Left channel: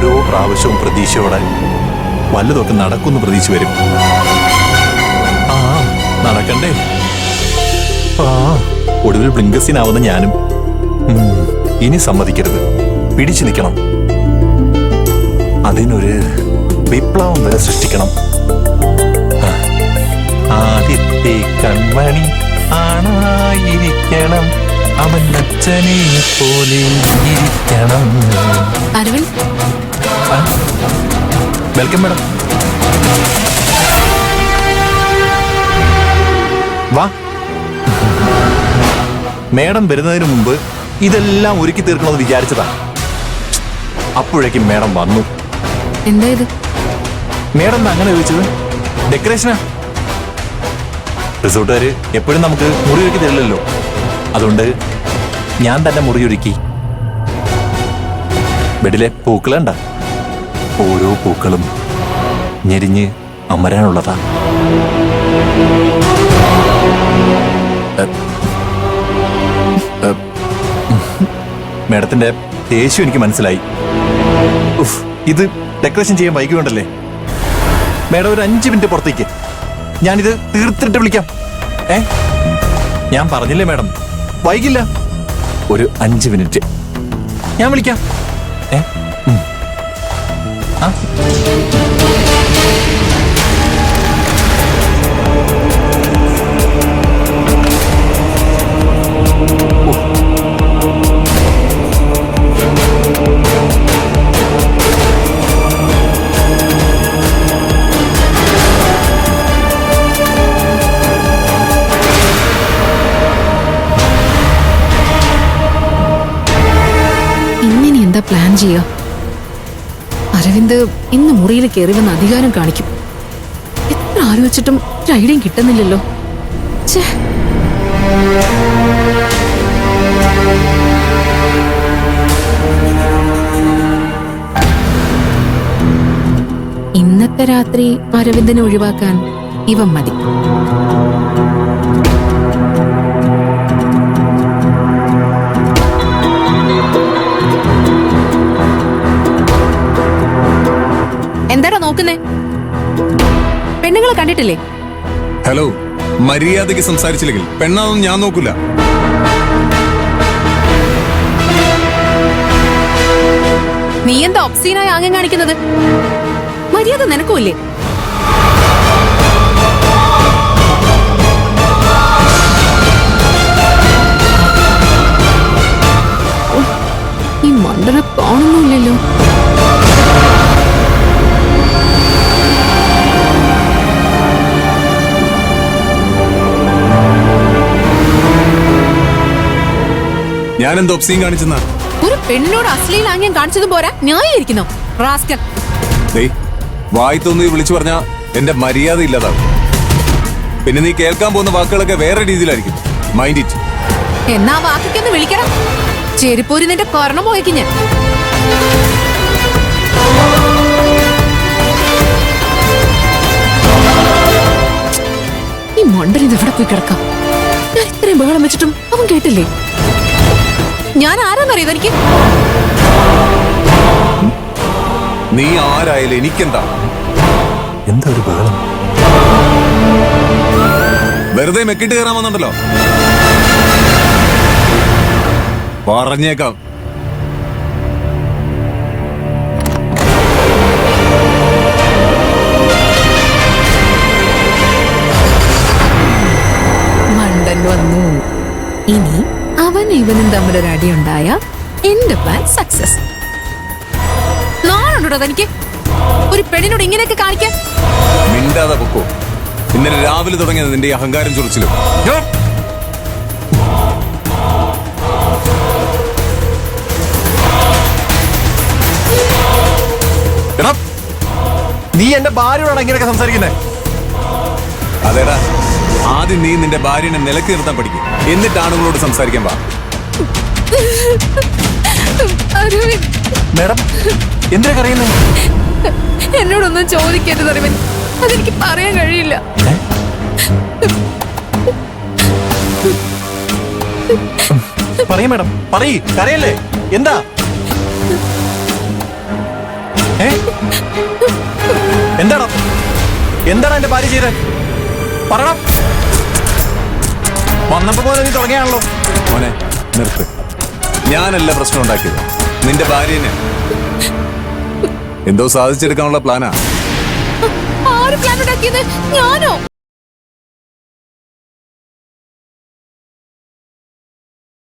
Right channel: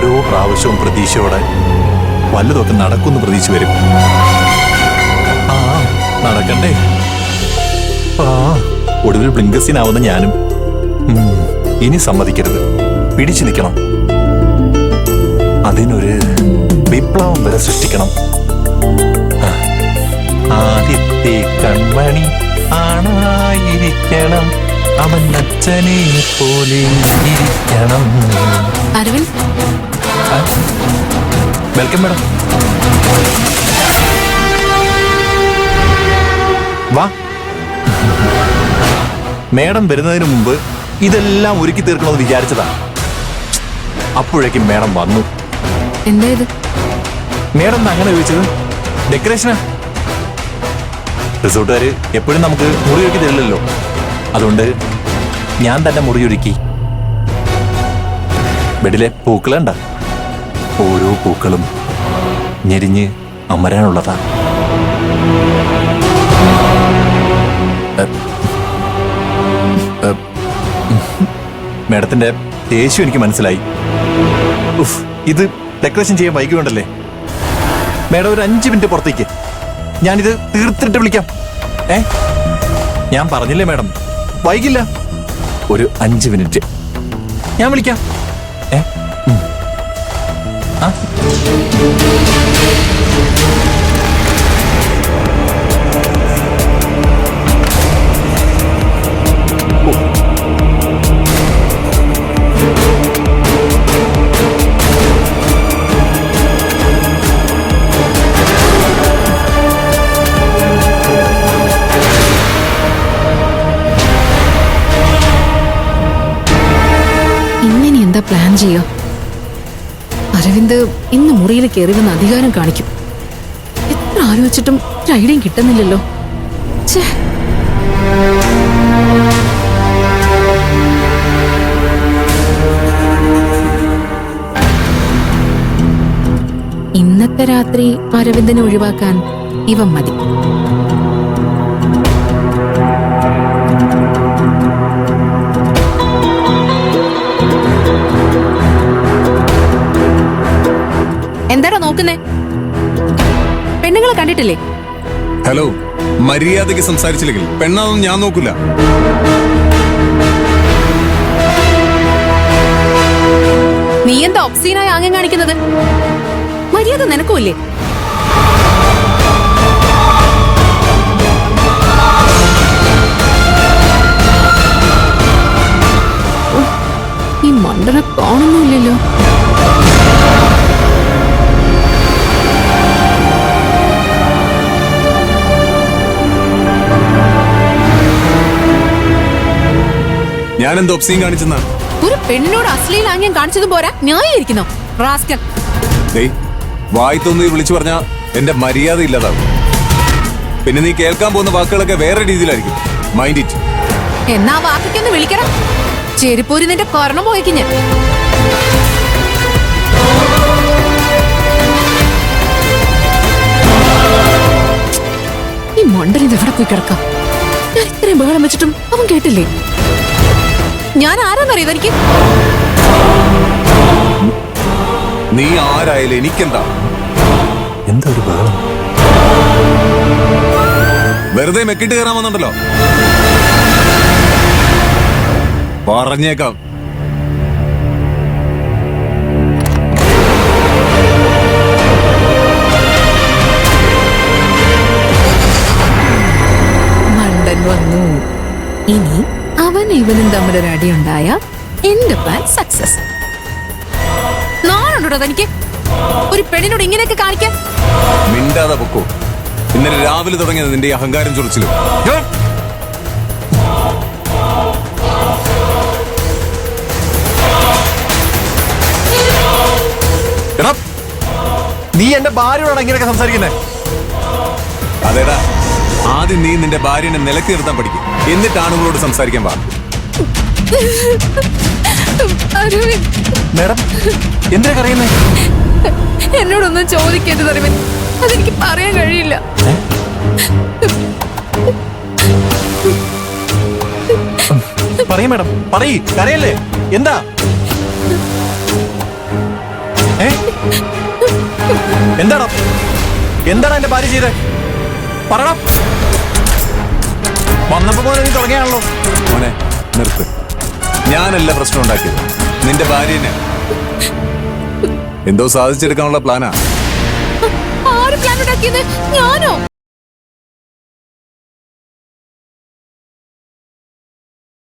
ഓരോ പ്രാവശ്യവും പ്രതീക്ഷയോടെ വല്ലതൊക്കെ നടക്കുമെന്ന് പ്രതീക്ഷ വരും. ആ നടക്കണ്ടേ? ആ ഒടുവിൽ ബ്ലിങ്കസിനാവുന്ന ഞാനും ഇനി സമ്മതിക്കരുത്, പിടിച്ചു നിൽക്കണം. അതിനൊരു വിപ്ലവം വരെ സൃഷ്ടിക്കണം. ആദ്യത്തെ കൺമണി ആണായിരിക്കണം, അവൻ അച്ഛനെ പോലെ ഇരിക്കണം. Aravind, welcome madam. വാ. മേഡം വരുന്നതിന് മുമ്പ് ഇതെല്ലാം ഒരുക്കി തീർക്കണമെന്ന് വിചാരിച്ചതാ. അപ്പോഴേക്കും മേഡം വന്നു. എന്താ ഇത്? മേഡം അങ്ങനെ ചോദിച്ചത്? ഡെക്കറേഷനാ. റിസോർട്ടുകാര് എപ്പോഴും നമുക്ക് മുറിയൊരുക്കി തരില്ലല്ലോ, അതുകൊണ്ട് ഞാൻ തന്നെ മുറിയൊരുക്കി. ബെഡിലെ പൂക്കളുണ്ട, ഓരോ പൂക്കളും ഞെരിഞ്ഞ് അമരാനുള്ളതാ. മേഡത്തിന്റെ ദേഷ്യം എനിക്ക് മനസ്സിലായി. ഇത് ഡെക്കറേഷൻ ചെയ്യാൻ വൈകിയുണ്ടല്ലേ. മേഡം ഒരു 5 മിനിറ്റ് പുറത്തേക്ക്, ഞാനിത് തീർത്തിട്ട് വിളിക്കാം. ഞാൻ പറഞ്ഞില്ലേ മേഡം, വൈകില്ല. ഒരു 5 മിനിറ്റ് ഞാൻ വിളിക്കാം. ഇങ്ങനെ എന്താ പ്ലാൻ ചെയ്യോ? അരവിന്ദ് ഇന്ന് മുറിയിൽ കയറി വന്ന് അധികാരം കാണിക്കും. എത്ര ആലോചിച്ചിട്ടും ഒരു ഐഡിയയും കിട്ടുന്നില്ലല്ലോ. ഇന്നത്തെ രാത്രി അരവിന്ദിനെ ഒഴിവാക്കാൻ ഇവൻ മതി. എന്താടാ നോക്കുന്നേ? പെണ്ണുങ്ങളെ കണ്ടിട്ടില്ലേ? ഹലോ, മര്യാദയ്ക്ക് സംസാരിച്ചില്ലെങ്കിൽ പെണ്ണാതൊന്നും ഞാൻ നോക്കൂല. നീ എന്താ ഒബ്സീനായി ആംഗ്യം കാണിക്കുന്നത്? മര്യാദ നിനക്കുമില്ലേ? ഈ മണ്ടനെ കാണുന്നില്ലല്ലോ. ഞാൻ എന്താ ഒബ്സീൻ കാണിച്ചെന്നാ? ഒരു പെണ്ണിനോട് അശ്ലീല ആംഗ്യം കാണിച്ചതും പോരാ, ന്യായീകരിക്കുന്നോ റാസ്കൽ? വായി തോന്നി വിളിച്ചു പറഞ്ഞാ എന്റെ മര്യാദ ഇല്ലാതാവും. പിന്നെ നീ കേൾക്കാൻ പോകുന്ന വാക്കുകളൊക്കെ വേറെ രീതിയിലായിരിക്കും. Mind it. എന്നാ വാക്കൊന്ന് വിളിക്കണം. ചെരിപ്പൂരി നിന്റെ കൊരണം പോയിക്ക് ഞാൻ. ഈ മണ്ടൻ ഇത് എവിടെ പോയി കിടക്കാം? ഞാൻ ഇത്രയും ബഹളം വെച്ചിട്ടും അവൻ കേട്ടില്ലേ? ഞാൻ ആരാന്നറിയോ തനിക്ക്? നീ ആരായാലും എനിക്കെന്താ? എന്താ ഒരു ബഹളം? വെറുതെ മെക്കിട്ട് കയറാൻ വന്നുണ്ടല്ലോ. പറഞ്ഞേക്കാം. മണ്ടൻ വന്നു. ഇനി അവൻ ഇവനും തമ്മിലൊരടിയുണ്ടായ എന്റെ പ്ലാൻ സക്സസ്. നാളുണ്ടോ തനിക്ക് ഒരു പെണ്ണിനോട് ഇങ്ങനെയൊക്കെ കാണിക്കാൻ? മിണ്ടാതെ പൊക്കോ. ഇന്നലെ രാവിലെ തുടങ്ങിയത് നിന്റെ അഹങ്കാരം ചൊറിച്ചിലും. നീ എന്റെ ഭാര്യയോടാണ് ഇങ്ങനെയൊക്കെ സംസാരിക്കുന്നേ? അതേടാ, ആദ്യം നീ നിന്റെ ഭാര്യനെ നിലക്ക് നിർത്താൻ പഠിക്കും, എന്നിട്ടാണ് അവളോട് സംസാരിക്കാൻ പാ. മേഡം എന്തിനാ കരയുന്നേ? എന്നോടൊന്നും ചോദിക്കരുത് അരവിന്ദ്, അതെനിക്ക് പറയാൻ കഴിയില്ല. പറയൂ മേഡം, പറയ്, കരയല്ലേ? എന്താ? എന്താടാ എന്താണ് എന്റെ ഭാര്യ ചെയ്തേ? പറടാ. വന്നപ്പോ പോലെ നീ തുടങ്ങിയാണല്ലോ. മോനെ നിർത്ത്. ഞാനല്ല പ്രശ്നം ഉണ്ടാക്കിയത്, നിന്റെ ഭാര്യനെ. എന്തോ സാധിച്ചെടുക്കാനുള്ള പ്ലാനാ. ആര് പ്ലാൻ ഉണ്ടാക്കിയത്? ഞാനോ?